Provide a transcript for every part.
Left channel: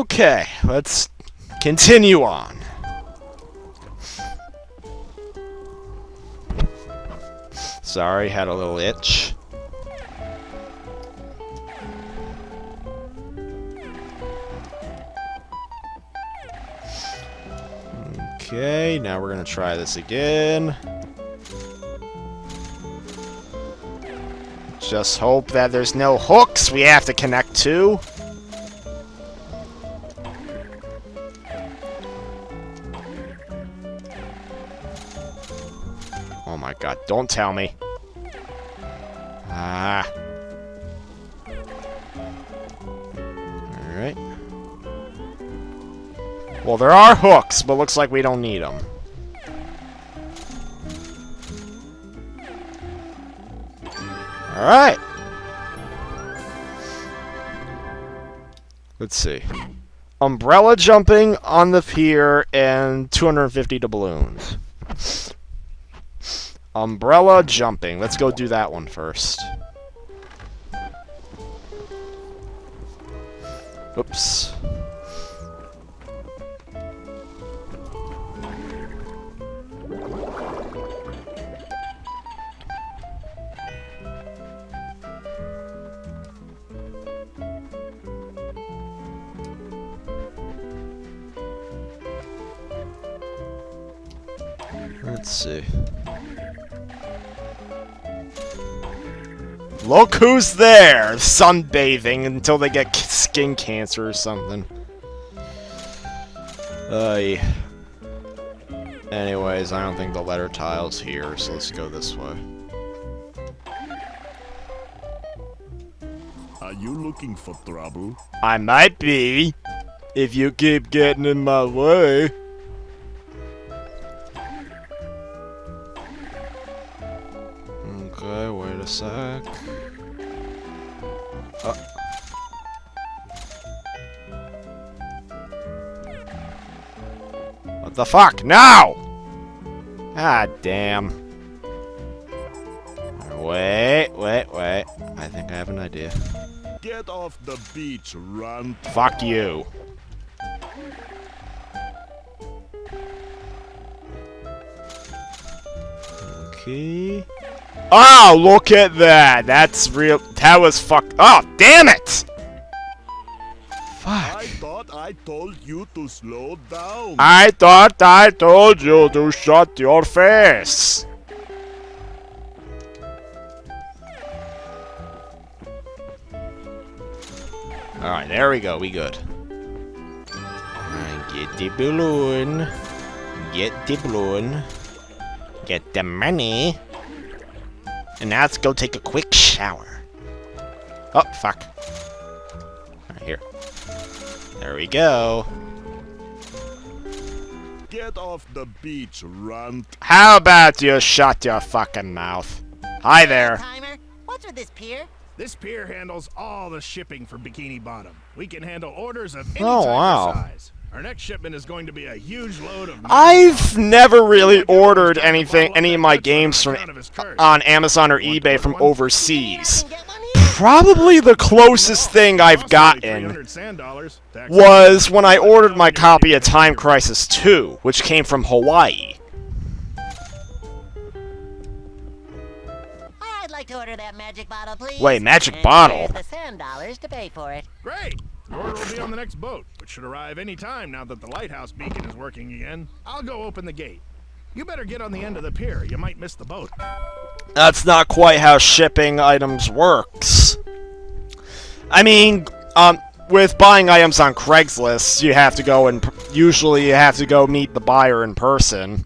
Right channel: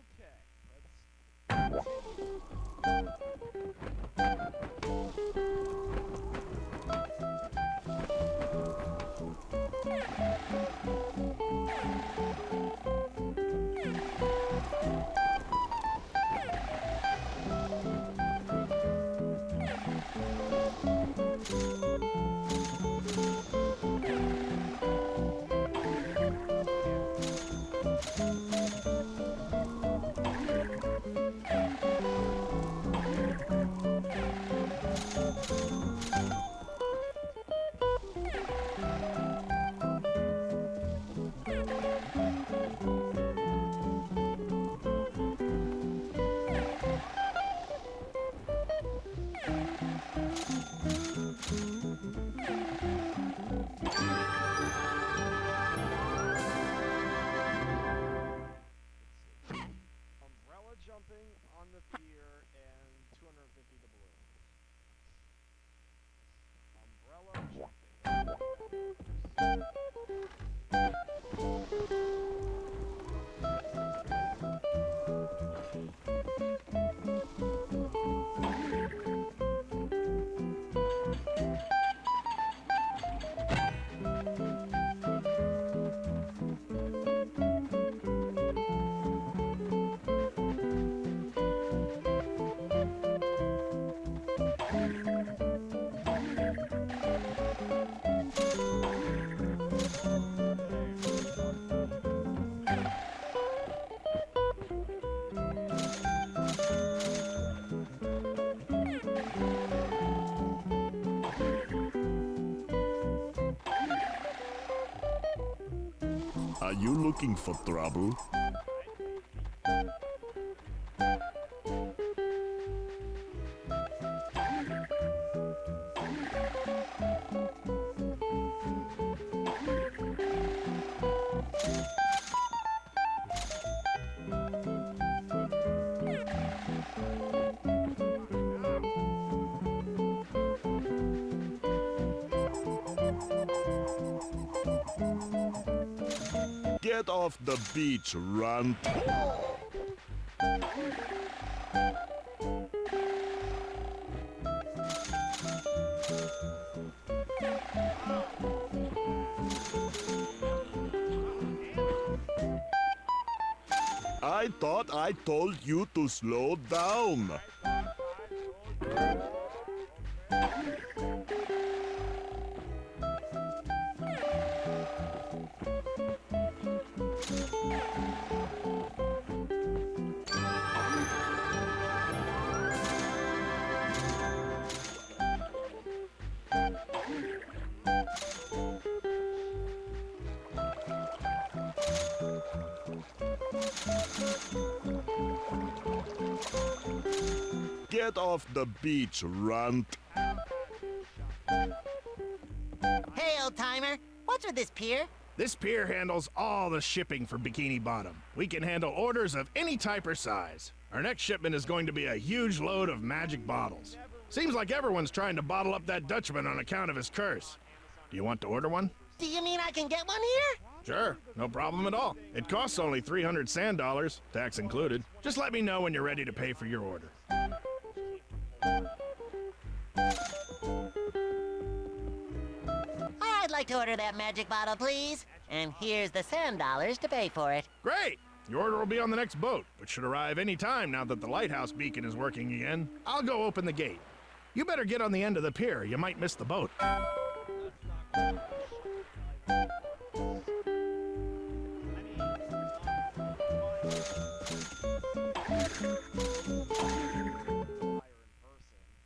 Okay, let's continue on. Sorry, had a little itch. Okay, now we're gonna try this again. Just hope that there's no hooks we have to connect to. Oh my god, don't tell me. Ah. Alright. Well, there are hooks, but looks like we don't need them. Alright. Let's see. Umbrella jumping on the pier and 250 to balloons. Umbrella jumping. Let's go do that one first. Oops. Let's see. Look who's there! Sunbathing until they get skin cancer or something. Anyways, I don't think the letter tile's here, so let's go this way. Are you looking for trouble? I might be, if you keep getting in my way. Okay, wait a sec. What the fuck? No! Ah, damn. Wait. I think I have an idea. Get off the beach, runt. Fuck you. Okay. Oh, look at that. That's real. That was fucked. Oh, damn it! I thought I told you to slow down. I thought I told you to shut your face. Alright, there we go. We good. Get the balloon. Get the balloon. Get the money. And now let's go take a quick shower. Oh, fuck. Right here. There we go. Get off the beach, runt. How about you shut your fucking mouth? Hi there. Timer, what's with this pier? This pier handles all the shipping for Bikini Bottom. We can handle orders of any Oh, type wow. or size. Our next shipment is going to be a huge load of I've never really Seems like everyone's ordered trying to anything, bottle up any that of my Dutchman games on from account of his curse. on Amazon or You want to eBay order from one? You overseas. can get one here? Probably the closest thing I've Costs only gotten 300 sand dollars. Tax was included. when I Just let me ordered know my when you're copy ready of to pay Time for it. Crisis 2, which came from Hawaii. I'd like to order that magic bottle, please. Wait, magic and bottle? Here's the sand dollars to pay for it. Great! Your order will be on the next boat, which should arrive any time now that the lighthouse beacon is working again. I'll go open the gate. You better get on the end of the pier. You might miss the boat. That's not quite how shipping items works. I mean, with buying items on Craigslist, you have to go and usually you have to go meet the buyer in person,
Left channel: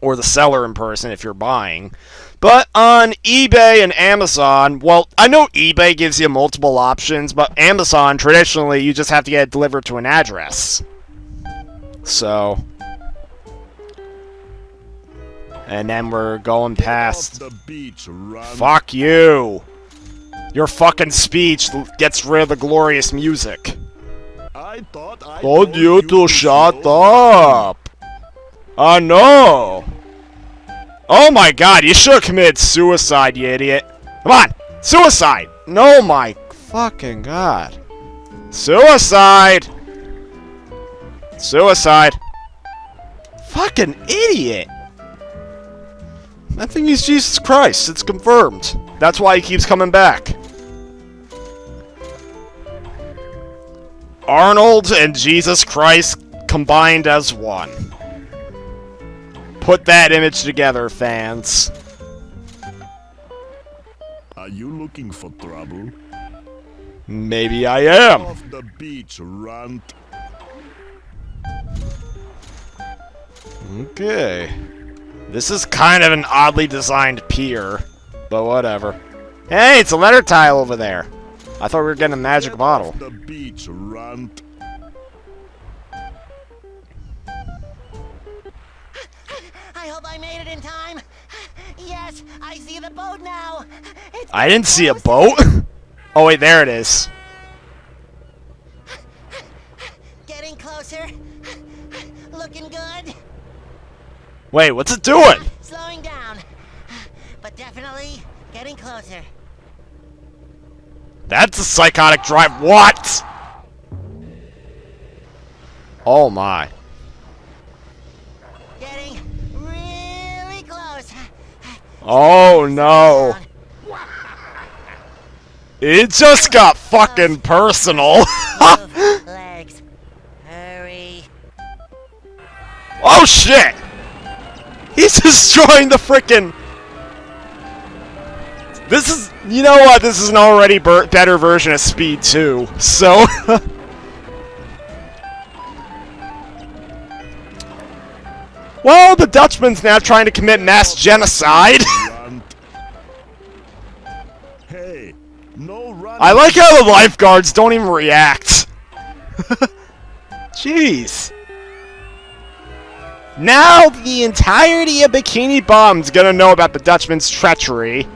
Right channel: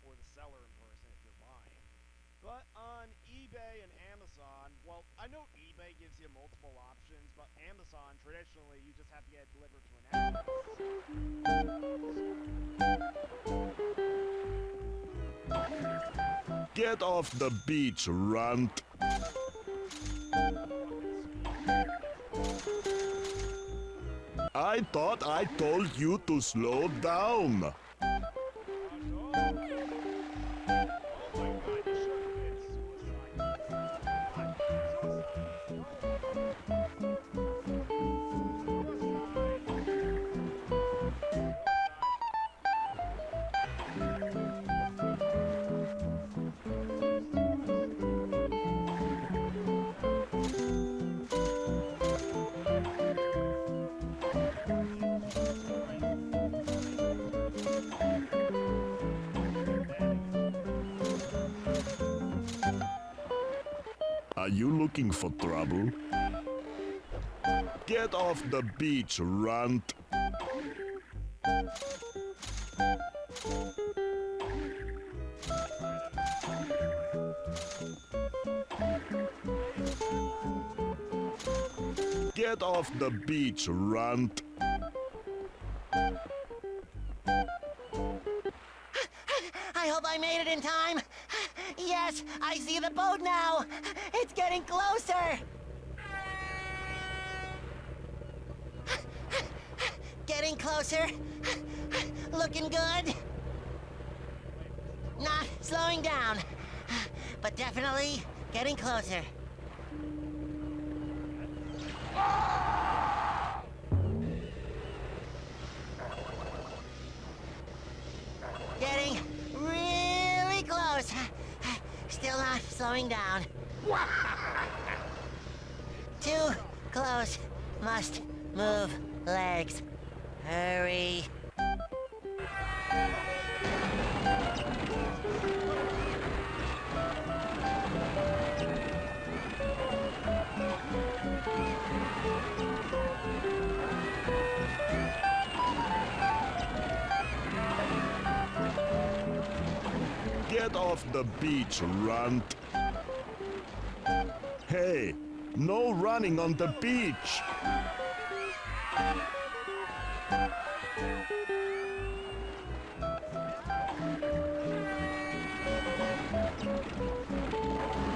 or the seller in person if you're buying. But on eBay and Amazon, well, I know eBay gives you multiple options, but Amazon, traditionally, you just have to get it delivered to an address. So... And then we're going Get past... off the beach, runt. Fuck you! Your fucking speech gets rid of the glorious music. I thought I Told you to shut up! I know! Oh my god, you should have committed suicide, you idiot. Come on! Suicide! No, my fucking god. Suicide! Suicide. Fucking idiot. That thing is Jesus Christ. It's confirmed. That's why he keeps coming back. Arnold and Jesus Christ combined as one. Put that image together, fans. Are you looking for trouble? Maybe I am. Off the beach, runt. Okay. This is kind of an oddly designed pier, but whatever. Hey, it's a letter tile over there. I thought we were getting a magic Get bottle. off the beach, runt. I hope I made it in time. Yes, I see the boat now. It's I didn't see a closer. boat. Oh wait, there it is. Getting closer. Looking good. Wait, what's it doing? Slowing down. But definitely getting closer. That's a psychotic drive. What? Oh my. Getting really close. Oh no. Slowing down. It just got fucking personal. Move legs. Hurry. Oh shit! He's destroying the frickin'. This is, you know what? This is an already better version of Speed 2. So, well, the Dutchman's now trying to commit mass genocide. Runt. Hey, no running. I like how the lifeguards don't even react. Jeez. Now the entirety of Bikini Bottom's gonna know about the Dutchman's treachery.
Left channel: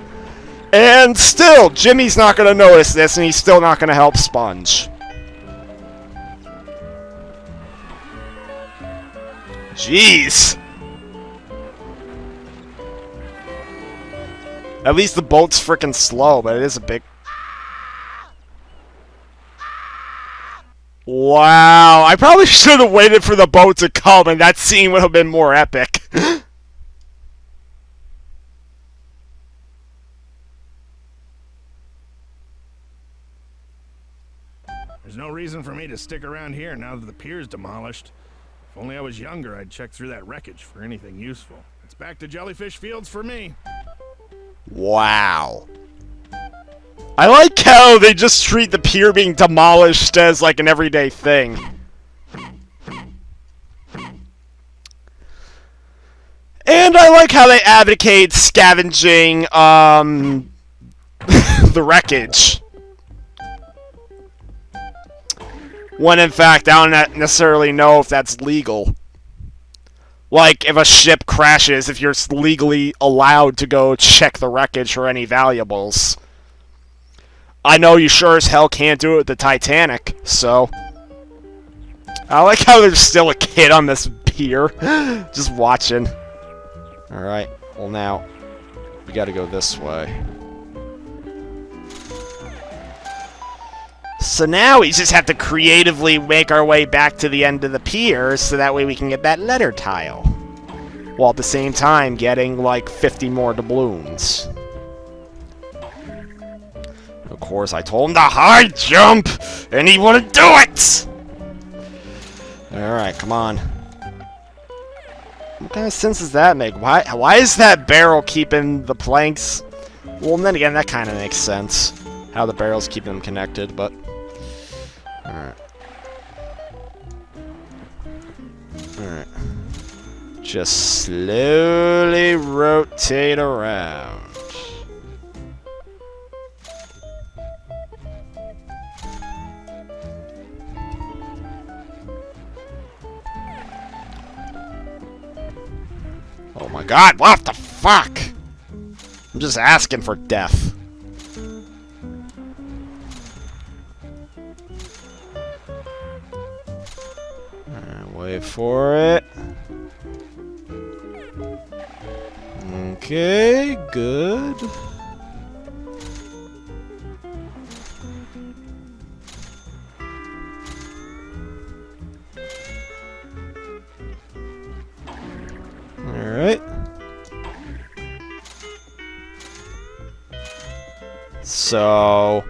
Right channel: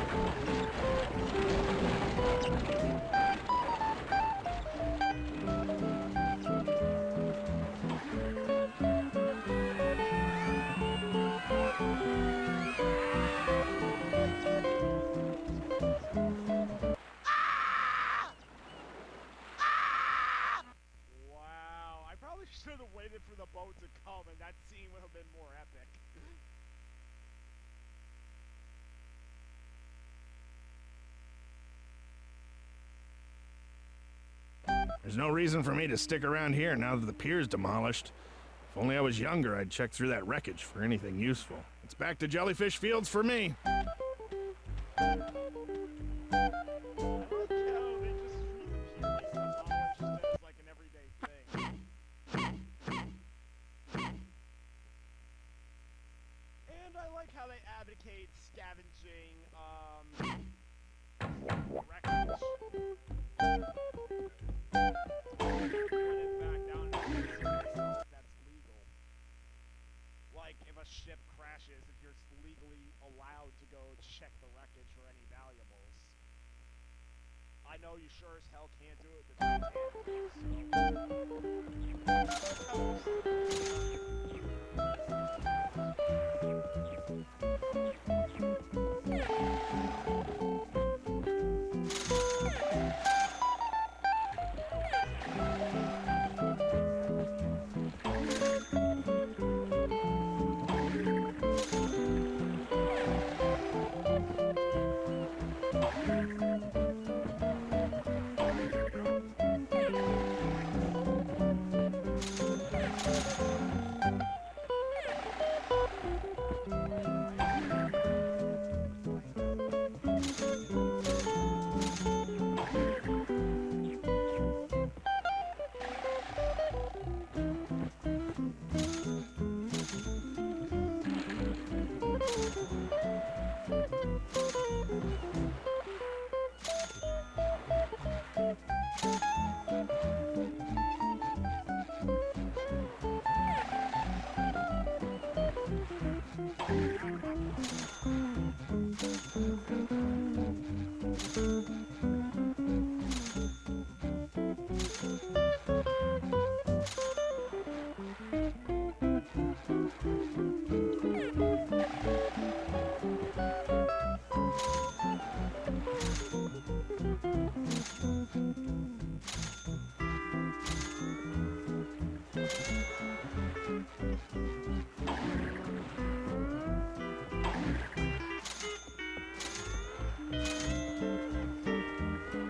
And still, Jimmy's not gonna notice this, and he's still not gonna help Sponge. Jeez. At least the boat's frickin' slow, but it is a big... Wow, I probably should have waited for the boat to come, and that scene would have been more epic. There's no reason for me to stick around here now that the pier's demolished. If only I was younger, I'd check through that wreckage for anything useful. It's back to Jellyfish Fields for me. Wow. I like how they just treat the pier being demolished as like an everyday thing. And I like how they advocate scavenging, the wreckage. When in fact, I don't necessarily know if that's legal. Like, if a ship crashes, if you're legally allowed to go check the wreckage for any valuables. I know you sure as hell can't do it with the Titanic, so... I like how there's still a kid on this pier, just watching. Alright, well now, we gotta go this way. So now we just have to creatively make our way back to the end of the pier, so that way we can get that letter tile. While at the same time getting, like, 50 more doubloons. Of course, I told him to high jump, and he wouldn't do it! Alright, come on. What kind of sense does that make? Why is that barrel keeping the planks... Well, then again, that kind of makes sense. How the barrel's keeping them connected, but... Alright. Alright. Just slowly rotate around. Oh my god, what the fuck? I'm just asking for death. Wait for it. Okay, good. So...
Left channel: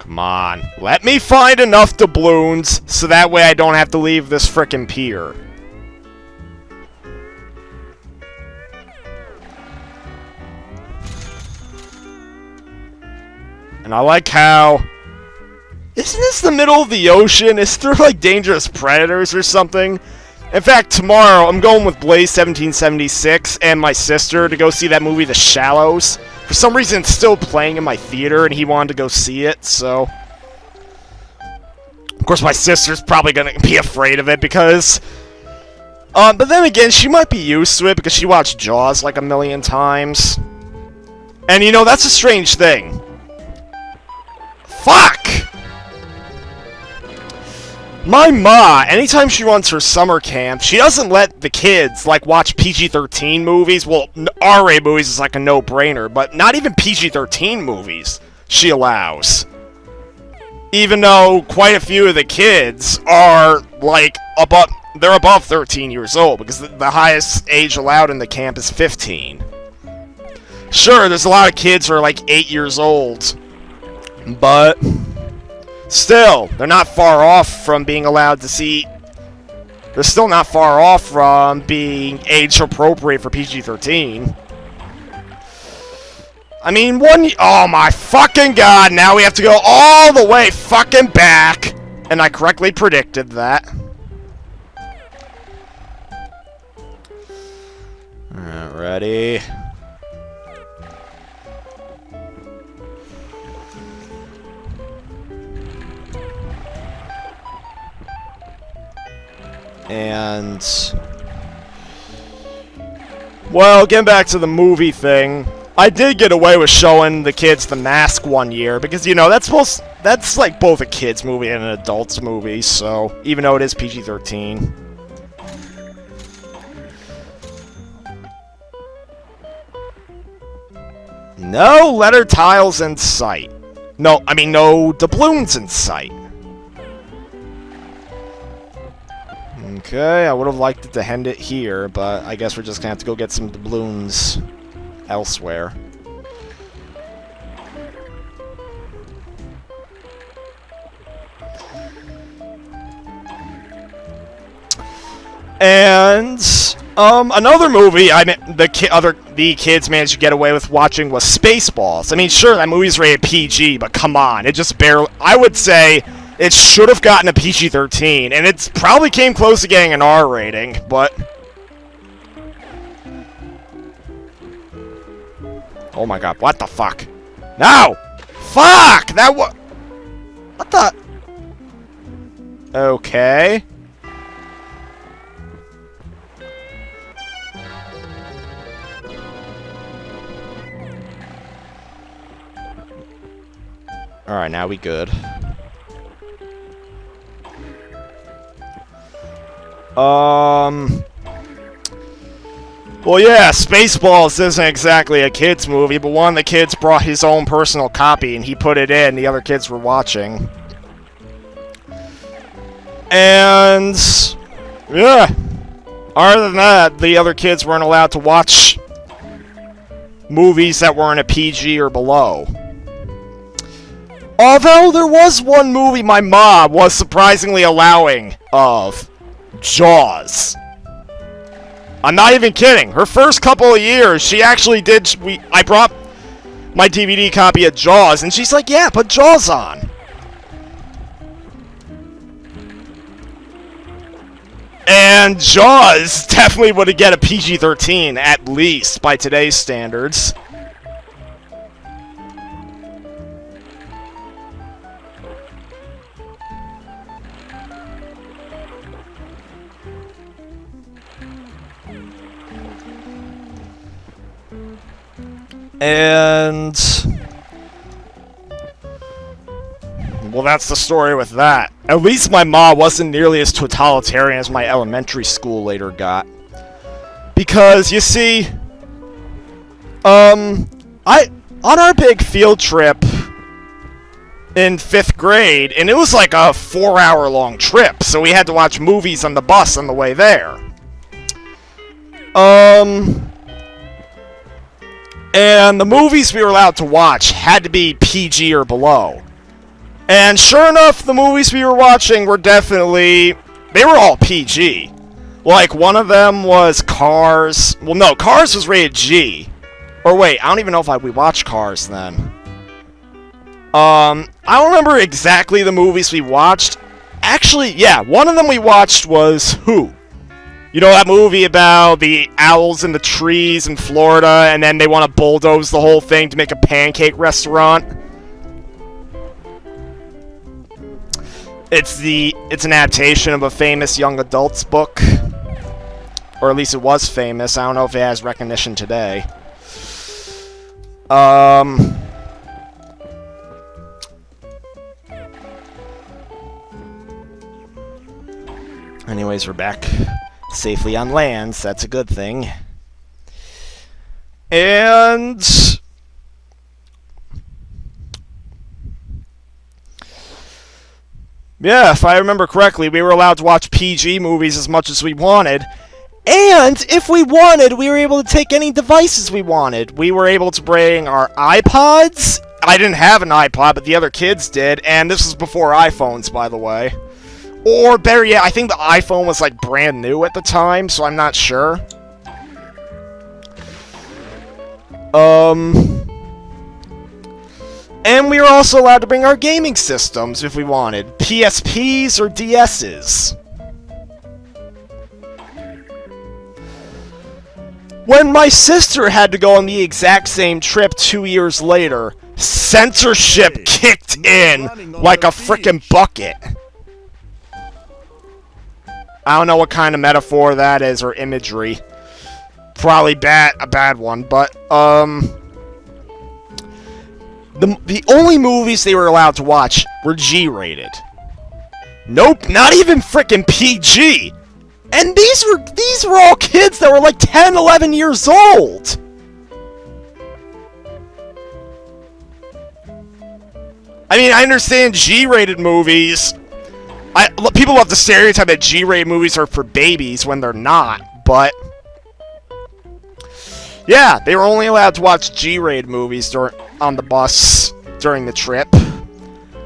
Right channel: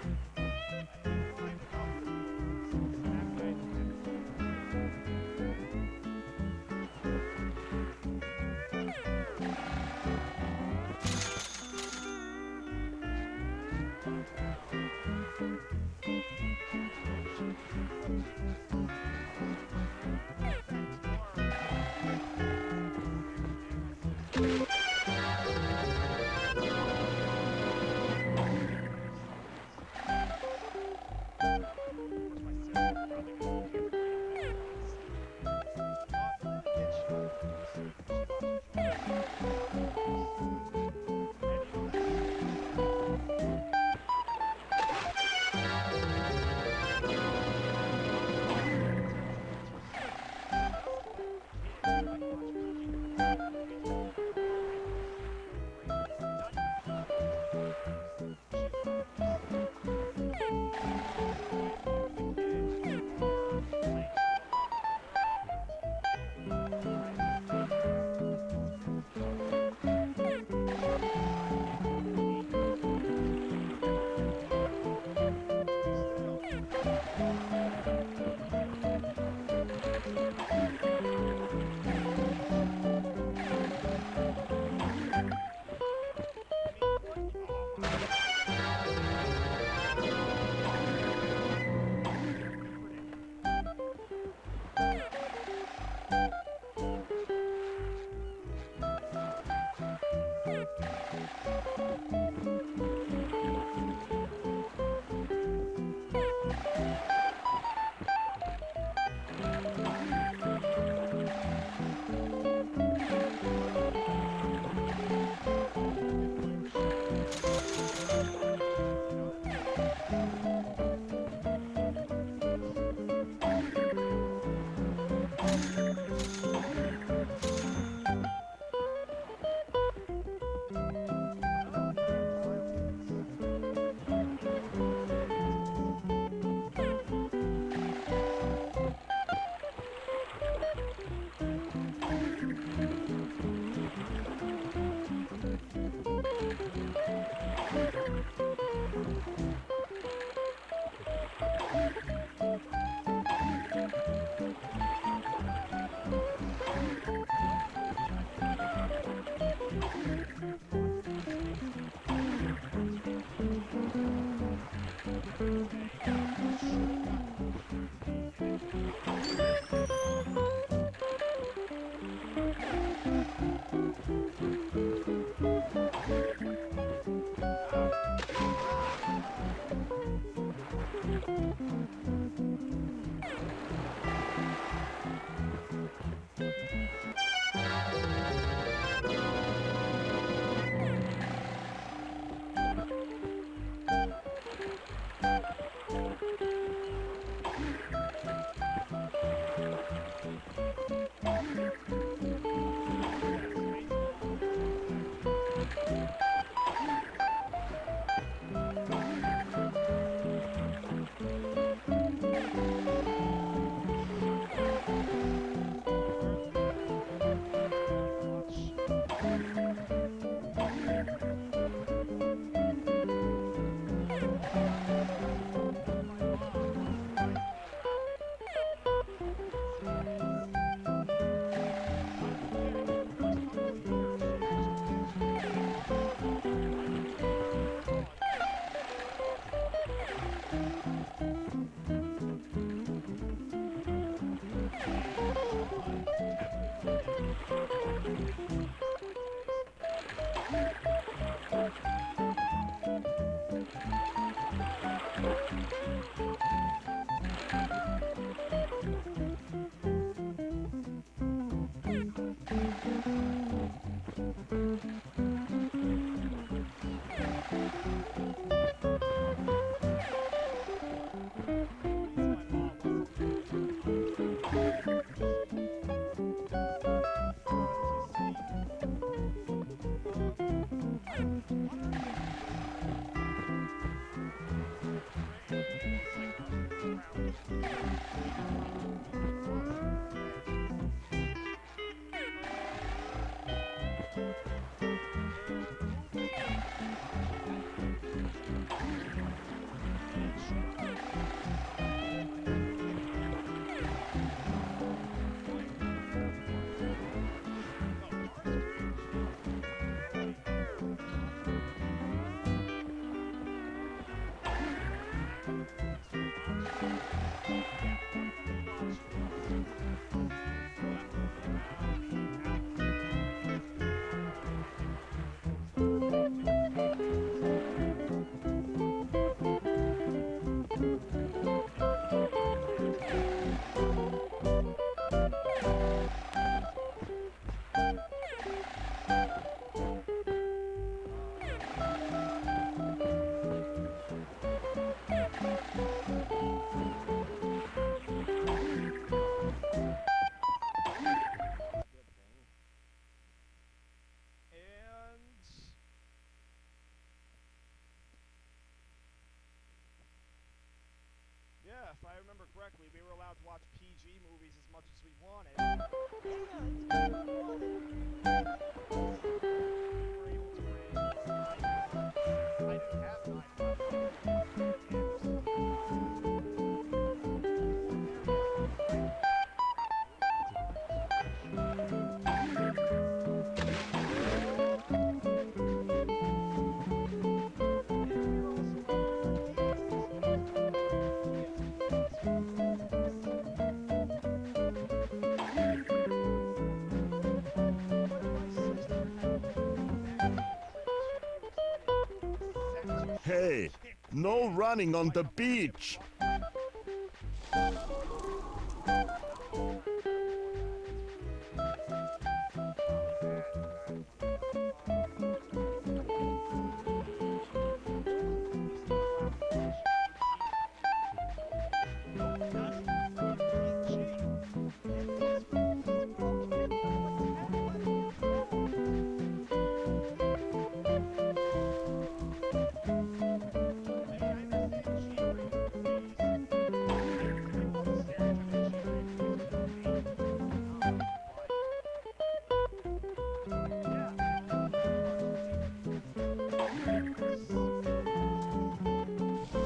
Come on. Let me find enough doubloons so that way I don't have to leave this frickin' pier. And I like how... Isn't this the middle of the ocean? Is there, like, dangerous predators or something? In fact, tomorrow, I'm going with Blaze 1776 and my sister to go see that movie, The Shallows. For some reason, it's still playing in my theater, and he wanted to go see it, so... Of course, my sister's probably gonna be afraid of it, because... but then again, she might be used to it, because she watched Jaws, like, a million times. And, you know, that's a strange thing. Fuck! My ma, anytime she runs her summer camp, she doesn't let the kids, like, watch PG-13 movies. Well, R-rated movies is like a no-brainer, but not even PG-13 movies she allows. Even though quite a few of the kids are, like, they're above 13 years old, because the highest age allowed in the camp is 15. Sure, there's a lot of kids who are, like, 8 years old, but... Still, they're not far off from being allowed to see... They're still not far off from being age-appropriate for PG-13. I mean, oh my fucking god, now we have to go all the way fucking back! And I correctly predicted that. Alright, ready... And... Well, getting back to the movie thing, I did get away with showing the kids The Mask one year, because, you know, that's like both a kid's movie and an adult's movie, so, even though it is PG-13. No letter tiles in sight. No, I mean, no doubloons in sight. Okay, I would have liked it to end it here, but I guess we're just gonna have to go get some doubloons elsewhere. And another movie the kids managed to get away with watching was Spaceballs. I mean, sure, that movie's rated PG, but come on, it just barely... I would say it should have gotten a PG-13, and it probably came close to getting an R rating, but... Oh my god, what the fuck? No! Fuck! That was... What the... Okay... Alright, now we good. Well, yeah, Spaceballs isn't exactly a kid's movie, but one of the kids brought his own personal copy, and he put it in, the other kids were watching. And... yeah. Other than that, the other kids weren't allowed to watch movies that weren't a PG or below. Although there was one movie my mom was surprisingly allowing of. Jaws. I'm not even kidding. Her first couple of years, she actually did... I brought my DVD copy of Jaws, and she's like, yeah, put Jaws on. And Jaws definitely would get a PG-13, at least, by today's standards. And... well, that's the story with that. At least my ma wasn't nearly as totalitarian as my elementary school later got. Because, you see... on our big field trip in 5th grade, and it was like a 4-hour-long trip, so we had to watch movies on the bus on the way there. And the movies we were allowed to watch had to be PG or below. And sure enough, the movies we were watching were definitely... They were all PG. Like, one of them was Cars. Well, no, Cars was rated G. Or wait, I don't even know if we watched Cars then. I don't remember exactly the movies we watched. Actually, yeah, one of them we watched was Who? You know that movie about the owls in the trees in Florida, and then they want to bulldoze the whole thing to make a pancake restaurant? It's an adaptation of a famous young adult's book. Or at least it was famous. I don't know if it has recognition today. Anyways, we're back safely on land, so that's a good thing. And... yeah, if I remember correctly, we were allowed to watch PG movies as much as we wanted. And if we wanted, we were able to take any devices we wanted. We were able to bring our iPods. I didn't have an iPod, but the other kids did. And this was before iPhones, by the way. Or better yet, I think the iPhone was like brand new at the time, so I'm not sure. And we were also allowed to bring our gaming systems if we wanted. PSPs or DSs. When my sister had to go on the exact same trip 2 years later, censorship kicked in like a frickin' bucket. I don't know what kind of metaphor that is or imagery. Probably a bad one, but the only movies they were allowed to watch were G-rated. Nope, not even frickin' PG. And these were all kids that were like 10, 11 years old. I mean, I understand G-rated movies. People love the stereotype that G-rated movies are for babies when they're not, but... yeah, they were only allowed to watch G-rated movies on the bus during the trip.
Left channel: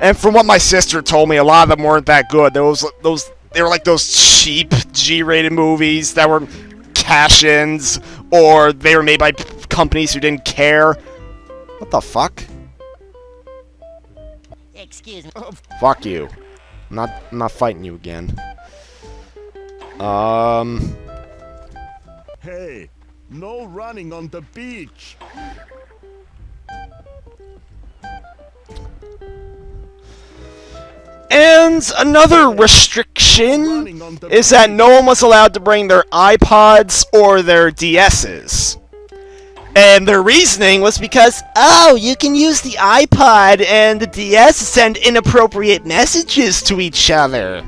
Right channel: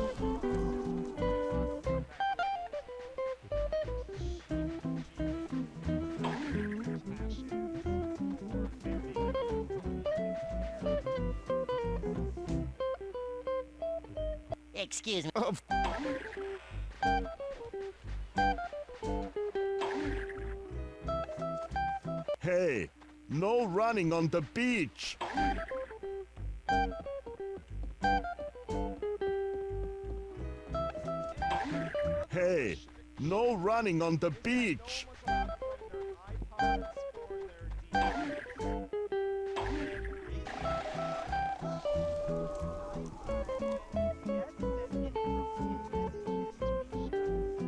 And from what my sister told me, a lot of them weren't that good. They were like those cheap G-rated movies that were cash-ins, or they were made by companies who didn't care. What the fuck? Excuse me. Fuck you. I'm not fighting you again. Hey, no running on the beach. And another restriction is that no one was allowed to bring their iPods or their DSs. And their reasoning was because, oh, you can use the iPod and the DS to send inappropriate messages to each other.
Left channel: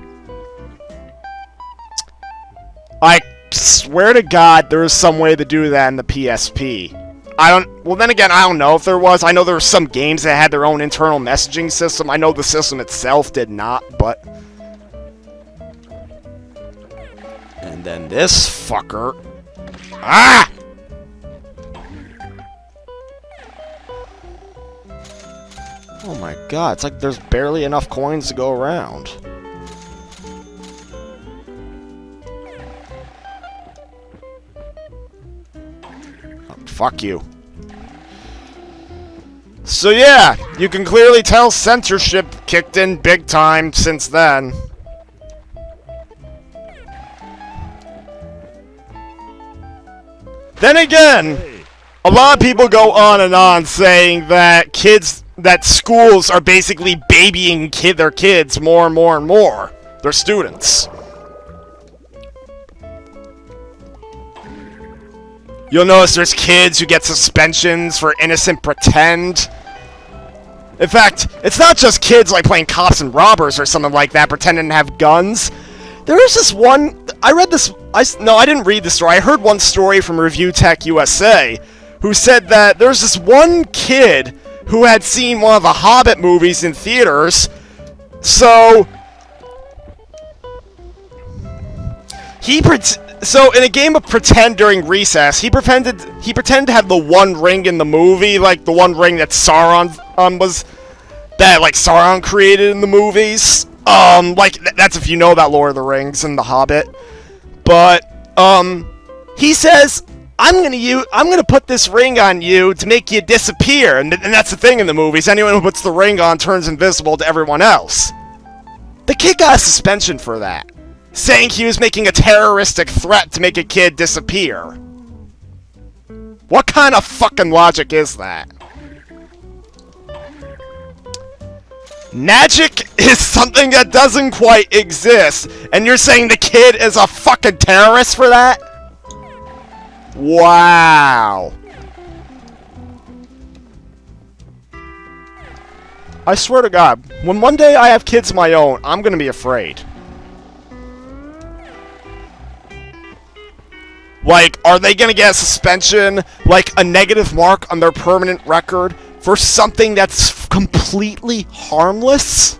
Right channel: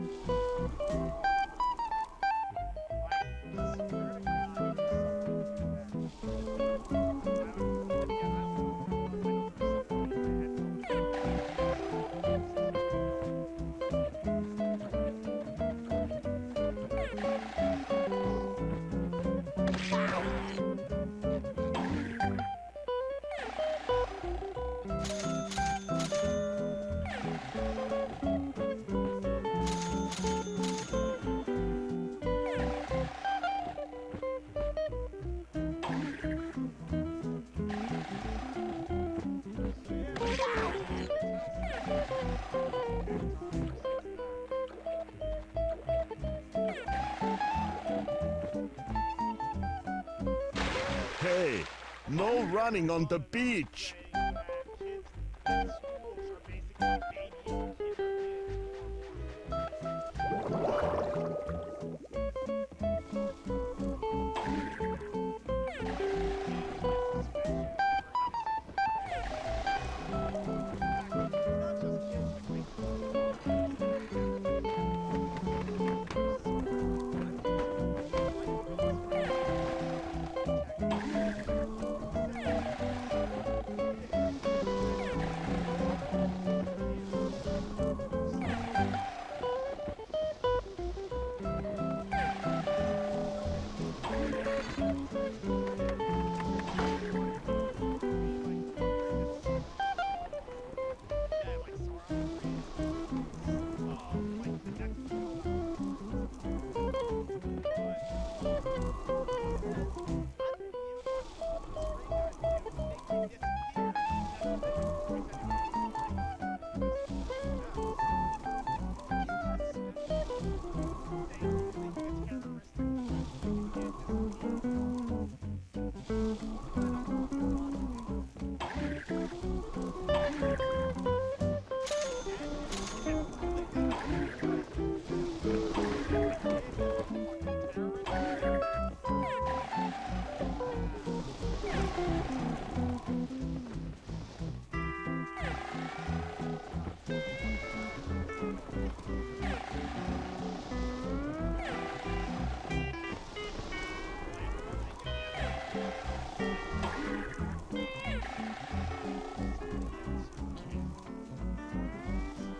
I swear to God there was some way to do that in the PSP. Well, then again, I don't know if there was. I know there were some games that had their own internal messaging system. I know the system itself did not, but... and then this fucker... ah! Oh my God, it's like there's barely enough coins to go around. Fuck you. So yeah, you can clearly tell censorship kicked in big time since then. Then again, a lot of people go on and on saying that schools are basically babying their kids more and more and more. Their students. You'll notice there's kids who get suspensions for innocent pretend. In fact, it's not just kids like playing cops and robbers or something like that pretending to have guns. There is this one... I didn't read the story. I heard one story from Review Tech USA who said that there's this one kid who had seen one of the Hobbit movies in theaters. So So in a game of pretend during recess, he pretended to have the one ring in the movie, like the one ring that Sauron Sauron created in the movies. That's if you know about Lord of the Rings and The Hobbit. But he says, I'm gonna put this ring on you to make you disappear, and that's the thing in the movies. Anyone who puts the ring on turns invisible to everyone else. The kid got a suspension for that, saying he was making a terroristic threat to make a kid disappear. What kind of fucking logic is that? Magic is something that doesn't quite exist, and you're saying the kid is a fucking terrorist for that? Wow. I swear to God, when one day I have kids of my own, I'm gonna be afraid. Like, are they gonna get a suspension, like a negative mark on their permanent record for something that's completely harmless?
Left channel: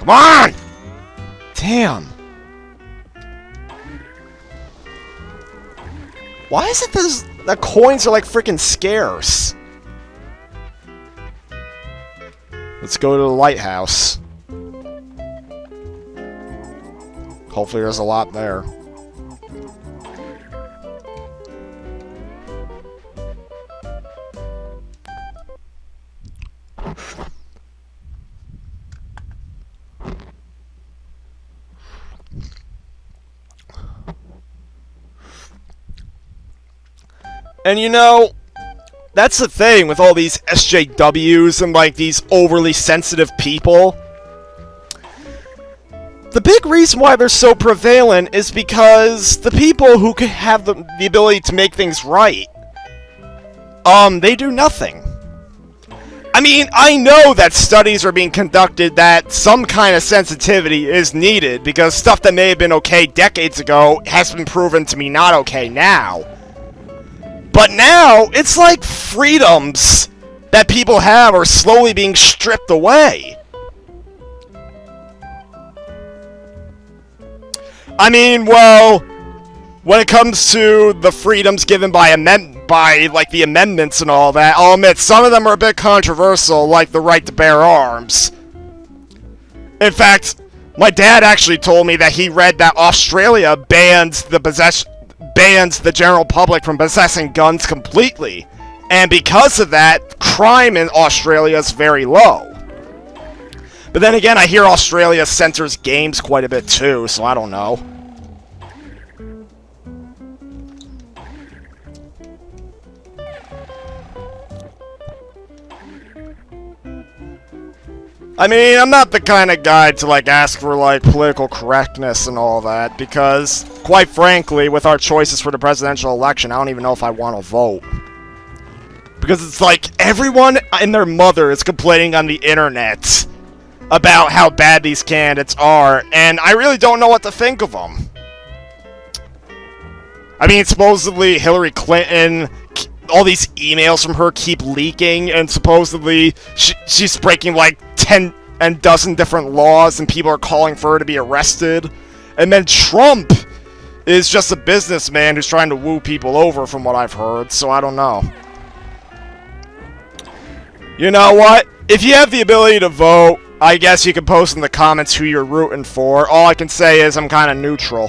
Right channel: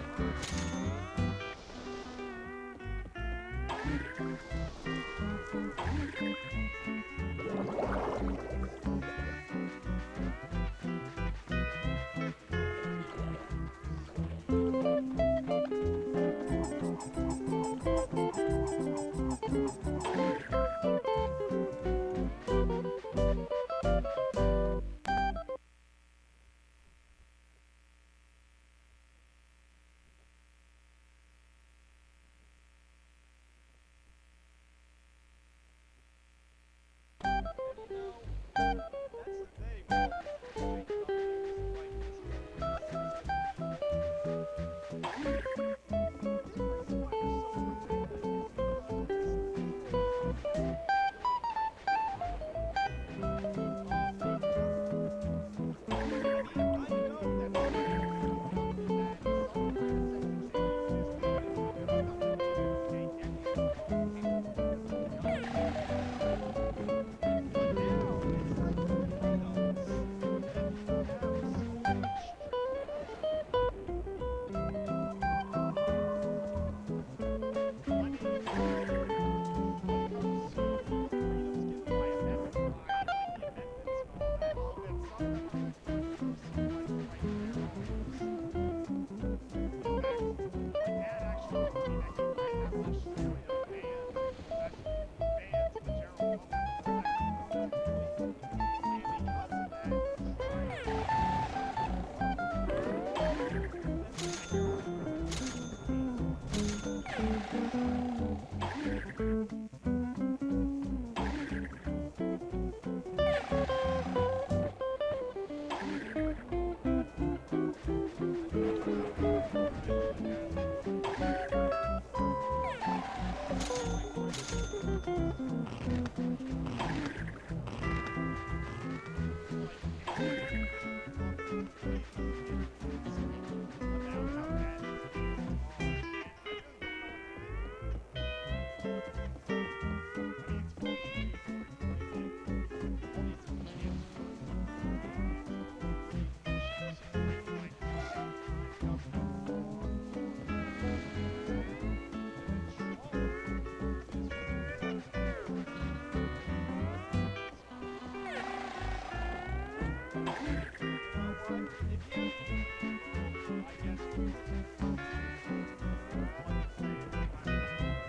Come on! Damn. Why is it that coins are like freaking scarce? Let's go to the lighthouse. Hopefully there's a lot there. And you know, that's the thing with all these SJWs and like these overly sensitive people. The big reason why they're so prevalent is because the people who could have the ability to make things right, they do nothing. I mean, I know that studies are being conducted that some kind of sensitivity is needed because stuff that may have been okay decades ago has been proven to be not okay now. But now, it's like freedoms that people have are slowly being stripped away. I mean, well, when it comes to the freedoms given by like the amendments and all that, I'll admit some of them are a bit controversial, like the right to bear arms. In fact, my dad actually told me that he read that Australia bans the general public from possessing guns completely, and because of that, crime in Australia is very low. But then again, I hear Australia censors games quite a bit too, so I don't know. I mean, I'm not the kind of guy to, like, ask for, like, political correctness and all that, because, quite frankly, with our choices for the presidential election, I don't even know if I want to vote. Because it's like, everyone and their mother is complaining on the internet about how bad these candidates are, and I really don't know what to think of them. I mean, supposedly Hillary Clinton, all these emails from her keep leaking, and supposedly she's breaking like 10 and dozen different laws, and people are calling for her to be arrested. And then Trump is just a businessman who's trying to woo people over, from what I've heard, so I don't know. You know what? If you have the ability to vote, I guess you can post in the comments who you're rooting for. All I can say is I'm kind of neutral.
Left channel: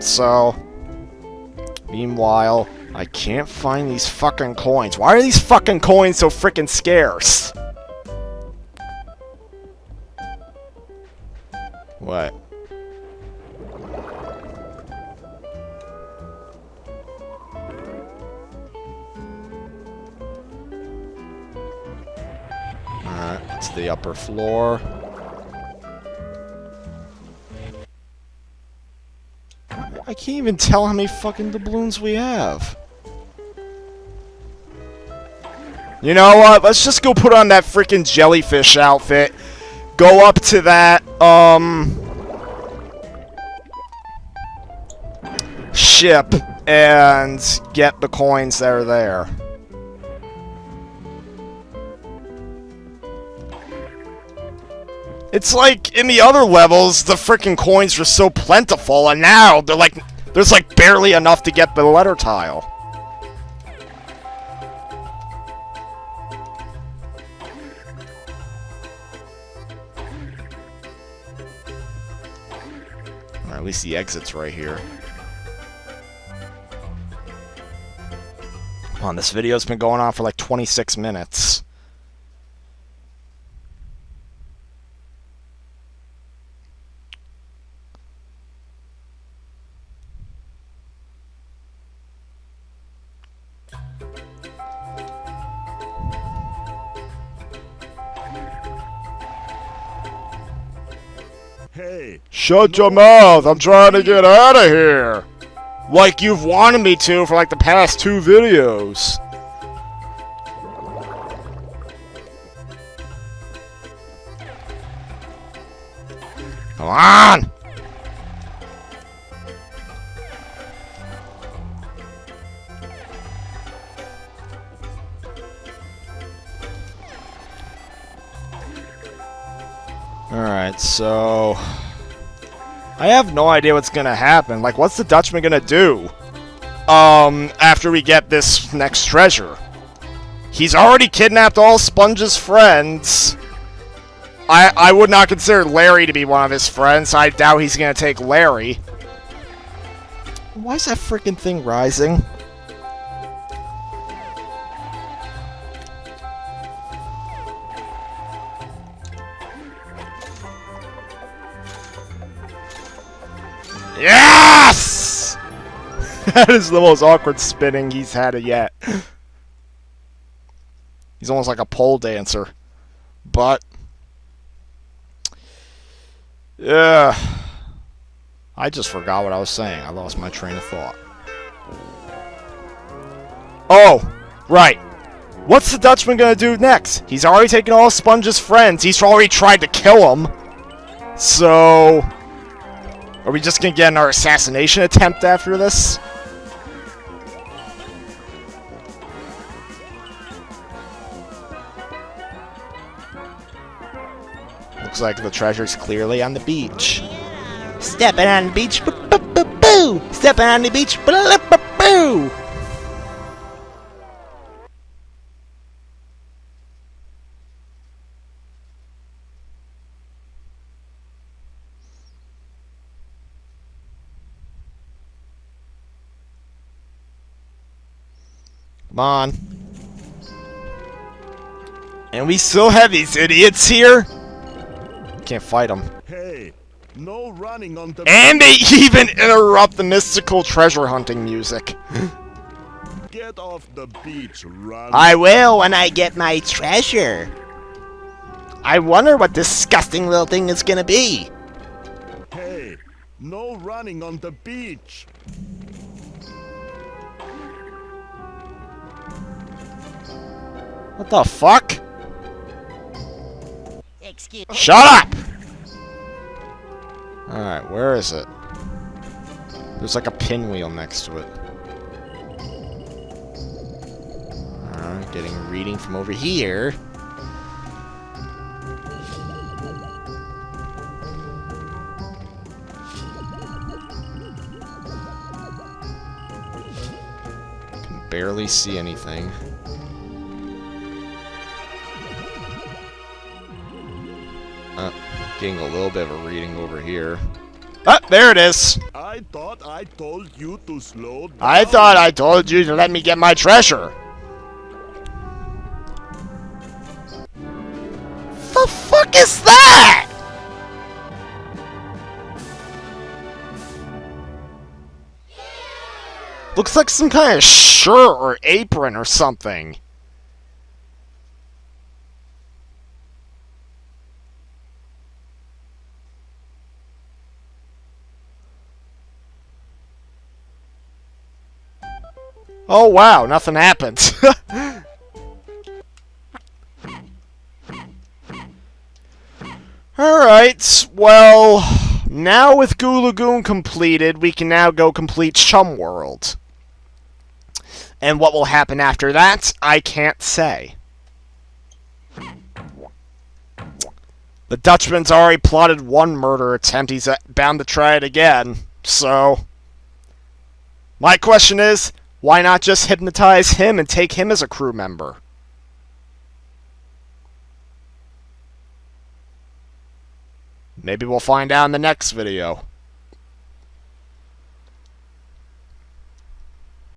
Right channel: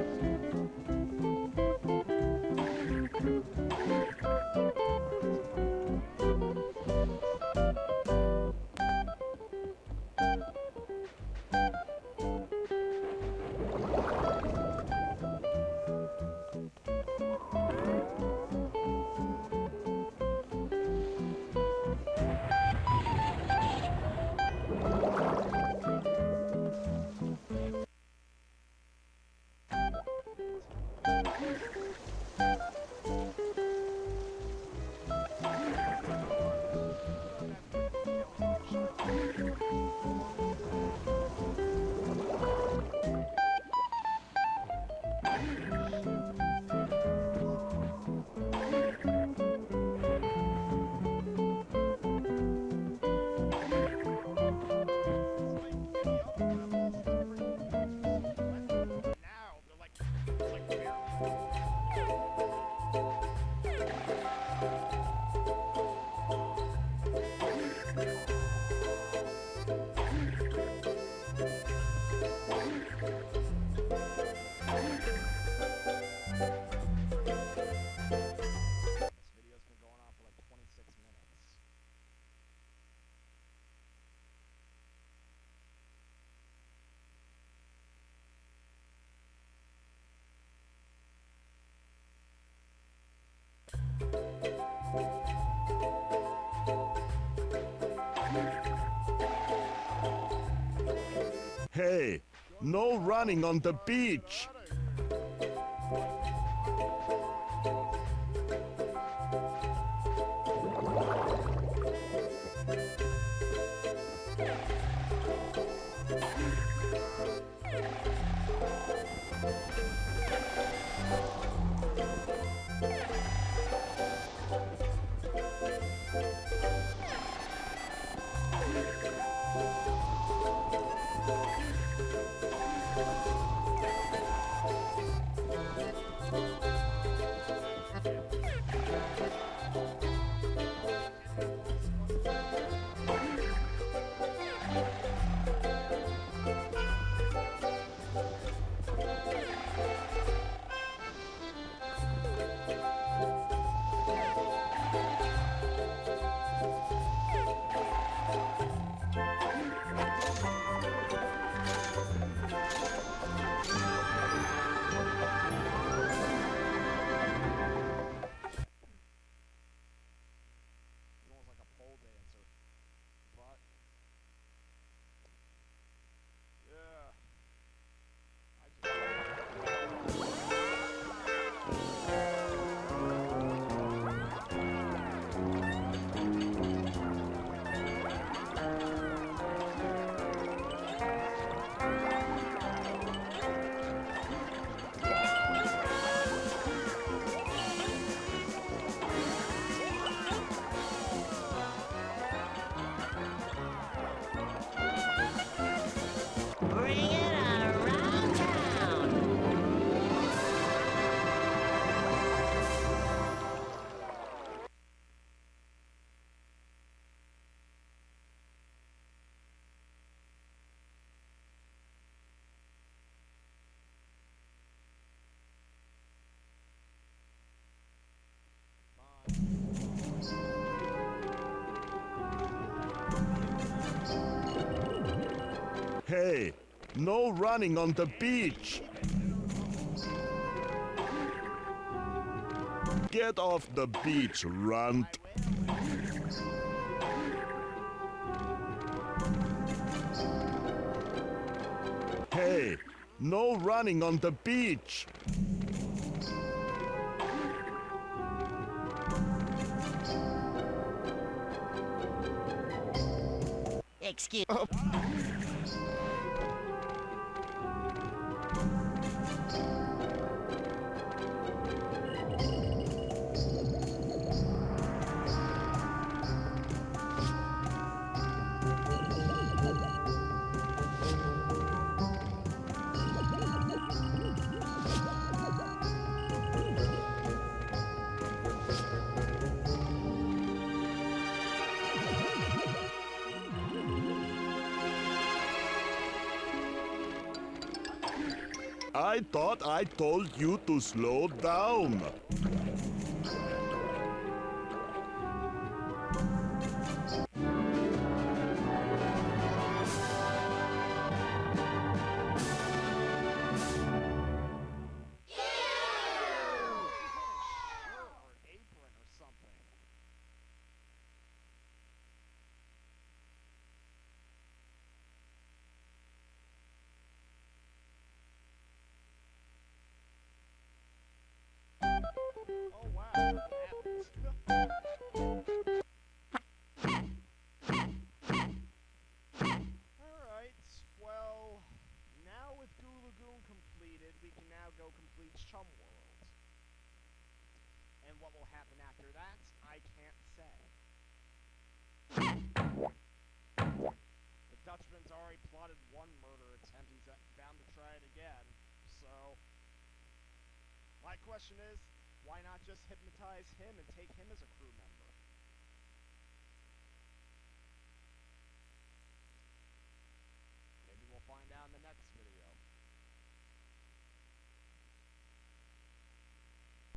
So, meanwhile, I can't find these fucking coins. Why are these fucking coins so freaking scarce? What? It's the upper floor. I can't even tell how many fucking doubloons we have. You know what? Let's just go put on that freaking jellyfish outfit. Go up to that, ship. and get the coins that are there. It's like, in the other levels, the frickin' coins were so plentiful, and now they're like, there's like barely enough to get the letter tile. Or at least the exit's right here. Come on, this video's been going on for like 26 minutes. Hey, Shut your no mouth! running I'm on trying the to get beach. out of here! Like you've wanted me to for like the past 2 videos. Come on! Alright, so... I have no idea what's gonna happen. Like, what's the Dutchman gonna do? After we get this next treasure. He's already kidnapped all Sponge's friends. I would not consider Larry to be one of his friends. I doubt he's gonna take Larry. Why is that freaking thing rising? Yes! That is the most awkward spinning he's had it yet. He's almost like a pole dancer. But... yeah. I just forgot what I was saying. I lost my train of thought. Oh! Right. What's the Dutchman gonna do next? He's already taken all Sponge's friends. He's already tried to kill him. So... are we just gonna get another assassination attempt after this? Looks like the treasure's clearly on the beach. Stepping on the beach, boo. Stepping on the beach, boo. Come on. And we still have these idiots here? Can't fight them. Hey, no running on the And beach. they even interrupt the mystical treasure hunting music. Get off the beach, run. I will when I get my treasure. I wonder what this disgusting little thing is gonna be. Hey, no running on the beach. What the fuck? Excuse Shut up! Alright, where is it? There's like a pinwheel next to it. Getting a reading from over here. Can barely see anything. Getting a little bit of a reading over here. Ah, there it is! I thought I told you to slow down. I thought I told you to let me get my treasure. The fuck is that? Looks like some kind of shirt or apron or something. Oh wow, nothing happened. Alright, well, now with Goo Lagoon completed, we can now go complete Chum World. And what will happen after that, I can't say. The Dutchman's already plotted one murder attempt. He's bound to try it again. So, my question is, why not just hypnotize him and take him as a crew member? Maybe we'll find out in the next video.